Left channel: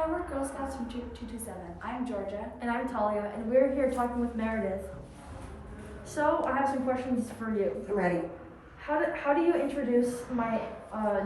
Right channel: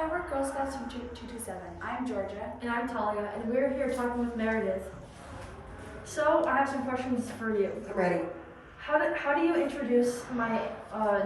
Hi, we're Girl Scouts from 227. I'm Georgia. And I'm Talia, and we're here talking with Meredith. So, I have some questions for you. I'm ready. How do you introduce my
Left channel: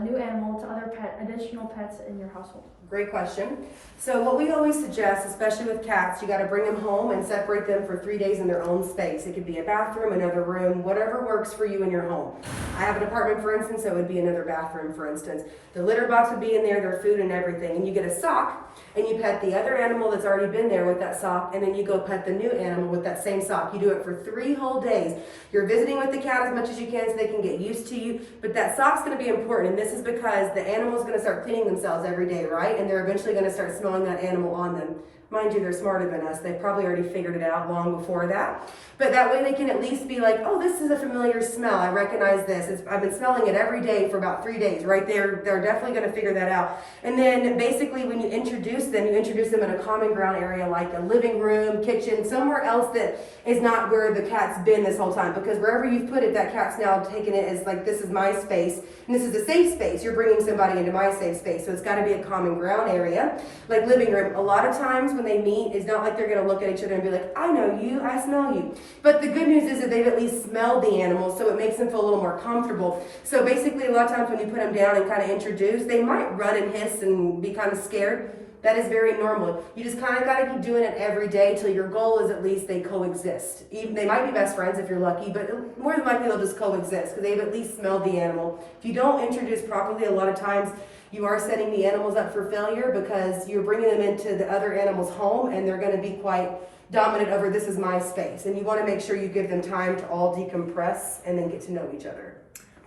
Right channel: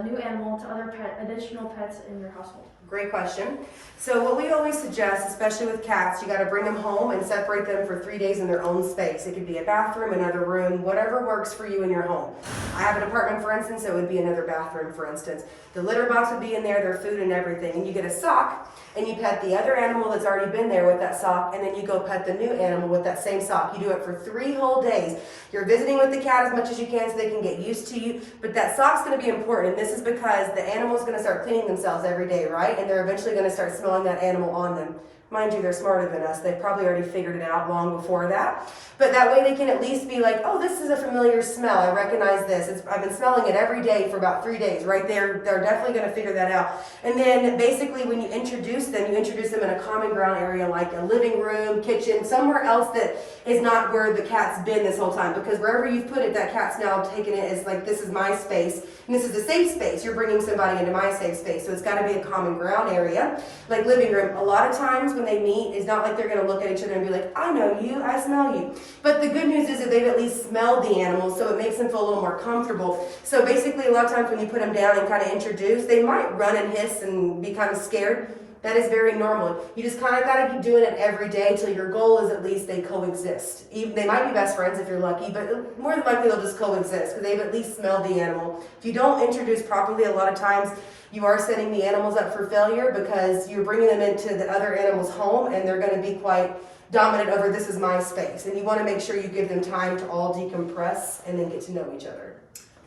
new animal to other additional pets in your household? Great question. So what we always suggest, especially with cats, you got to bring them home and separate them for 3 days in their own space. It could be a bathroom, another room, whatever works for you in your home. I have an apartment, for instance, so it would be another bathroom, for instance. The litter box would be in there, their food and everything. And you get a sock, and you pet the other animal that's already been there with that sock, and then you go pet the new animal with that same sock. You do it for 3 whole days. You're visiting with the cat as much as you can so they can get used to you, but that sock's going to be important, and this is because the animal's going to start cleaning themselves every day, right? And they're eventually going to start smelling that animal on them. Mind you, they're smarter than us. They've probably already figured it out long before that. But that way they can at least be like, oh, this is a familiar smell. I recognize this. I've been smelling it every day for about 3 days, right? They're definitely going to figure that out. And then basically when you introduce them in a common ground area like a living room, kitchen, somewhere else that is not where the cat's been this whole time. Because wherever you've put it, that cat's now taken it as like, this is my space. And this is a safe space. You're bringing somebody into my safe space. So it's got to be a common ground area, like living room. A lot of times when they meet, it's not like they're going to look at each other and be like, I know you, I smell you. But the good news is that they've at least smelled the animal, so it makes them feel a little more comfortable. So basically, a lot of times when you put them down and kind of introduce, they might run and hiss and be kind of scared. That is very normal. You just kind of got to keep doing it every day until your goal is at least they coexist. Even they might be best friends if you're lucky, but more than likely they'll just coexist because they've at least smelled the animal. If you don't introduce properly, a lot of times you are setting the animals up for failure because you're bringing them into the other animal's home and they're going to be quite dominant over this is my space. And you want to make sure you give them time to all decompress and then get to know each other.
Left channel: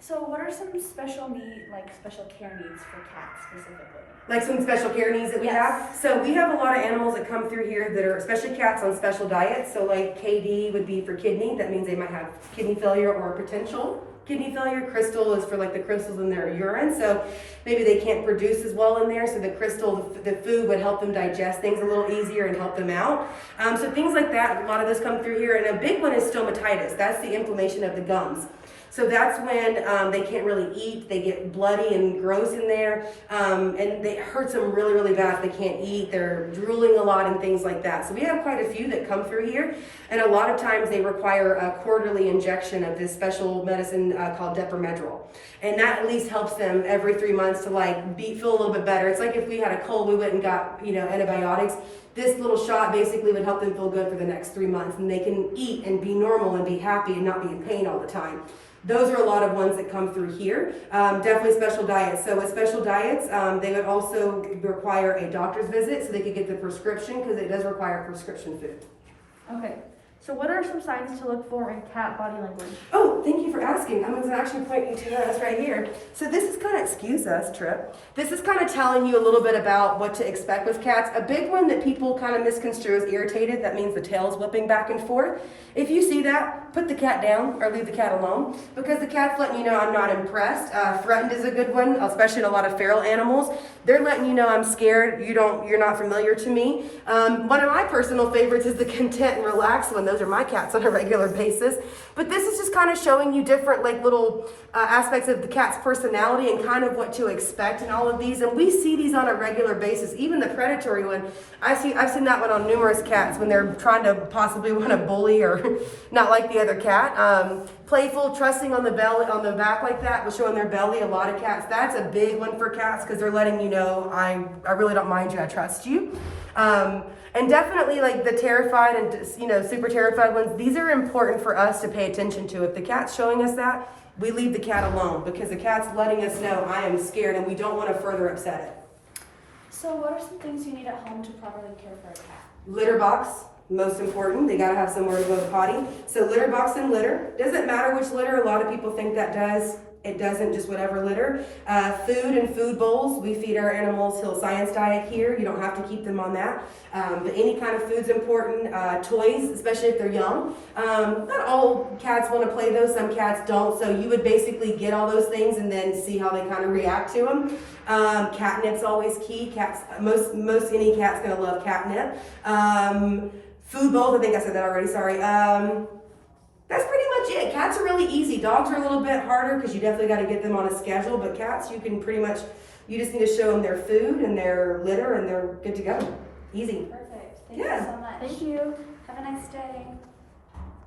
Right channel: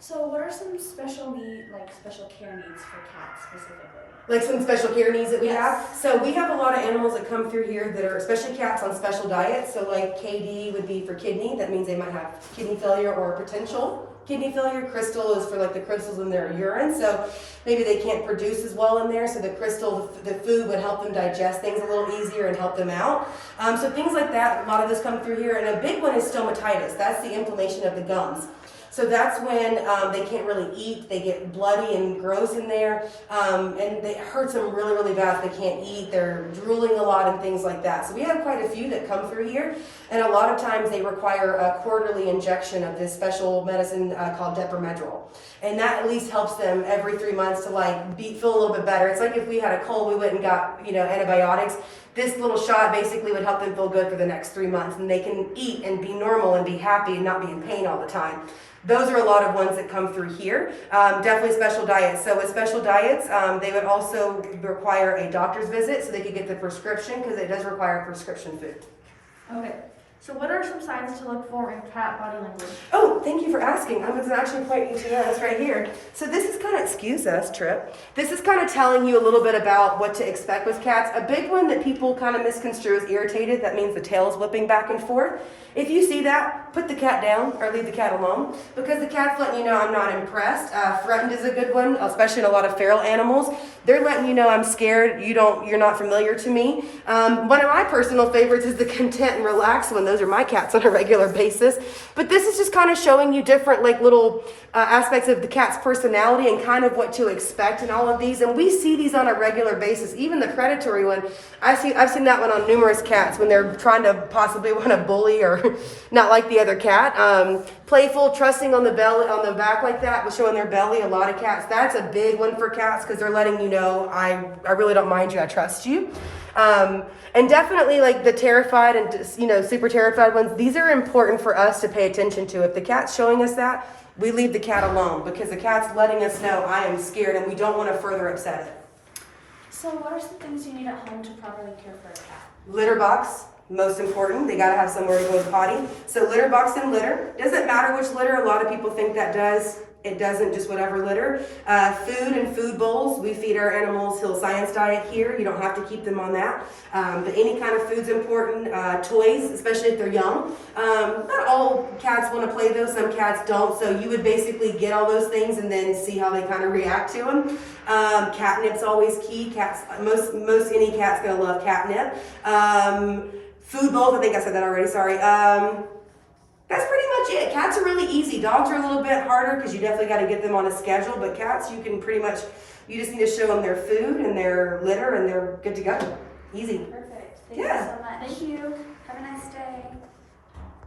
So what are some special care needs for cats specifically? Like some special care needs that we Yes. have. So we have a lot of animals that come through here that are, especially cats, on special diets. So like KD would be for kidney. That means they might have kidney failure or potential kidney failure. Crystal is for like the crystals in their urine. So maybe they can't produce as well in there. So the crystal, the food would help them digest things a little easier and help them out. So things like that, a lot of those come through here. And a big one is stomatitis. That's the inflammation of the gums. So that's when they can't really eat. They get bloody and gross in there, and it hurts them really, really bad if they can't eat. They're drooling a lot and things like that. So we have quite a few that come through here, and a lot of times they require a quarterly injection of this special medicine called Deprimedrol, and that at least helps them every 3 months to feel a little bit better. It's like if we had a cold, we went and got antibiotics. This little shot basically would help them feel good for the next 3 months, and they can eat and be normal and be happy and not be in pain all the time. Those are a lot of ones that come through here. Definitely special diets. So with special diets, they would also require a doctor's visit so they could get the prescription because it does require prescription food. Okay. So, what are some signs to look for in cat body language? Oh, thank you for asking. I was actually pointing to us right here. So this is kind of, excuse us, Trip. This is kind of telling you a little bit about what to expect with cats. A big one that people kind of misconstrue is irritated. That means the tail's whipping back and forth. If you see that, put the cat down or leave the cat alone because the cat's letting you know I'm not impressed. Threatened is a good one, especially in a lot of feral animals. They're letting you know I'm scared. You're not familiar to me. One of my personal favorites is the content and relaxed one. Those are my cats on a regular basis. But this is just kind of showing you different little aspects of the cat's personality and kind of what to expect in all of these. And we see these on a regular basis. Even the predatory one, I've seen that one on numerous cats when they're trying to possibly want to bully or not like the other cat. Playful, trusting on the back like that, with showing their belly. A lot of cats, that's a big one for cats because they're letting you know I really don't mind you, I trust you. And definitely the terrified and super terrified ones, these are important for us to pay attention to. If the cat's showing us that, we leave the cat alone because the cat's letting us know I am scared and we don't want to further upset it. So what are some things you need at home to properly care for a cat? Litter box, most important. They got to have somewhere to go to potty. So litter box and litter. Doesn't matter which litter. A lot of people think that does. It doesn't, just whatever litter. Food and food bowls. We feed our animals Hill Science diet here. You don't have to keep them on that. But any kind of food's important. Toys, especially if they're young. Not all cats want to play those. Some cats don't. So you would basically get all those things and then see how they kind of react to them. Catnip's always key. Cats, most any cat's going to love catnip. Food bowls, I think I said that already, sorry. That's pretty much it. Cats are really easy. Dogs are a little bit harder because you definitely got to get them on a schedule, but cats, you can pretty much You just need to show them their food and their litter and they're good to go. Easy. Perfect. Thank Yeah. you so much. Thank you. Have a nice day.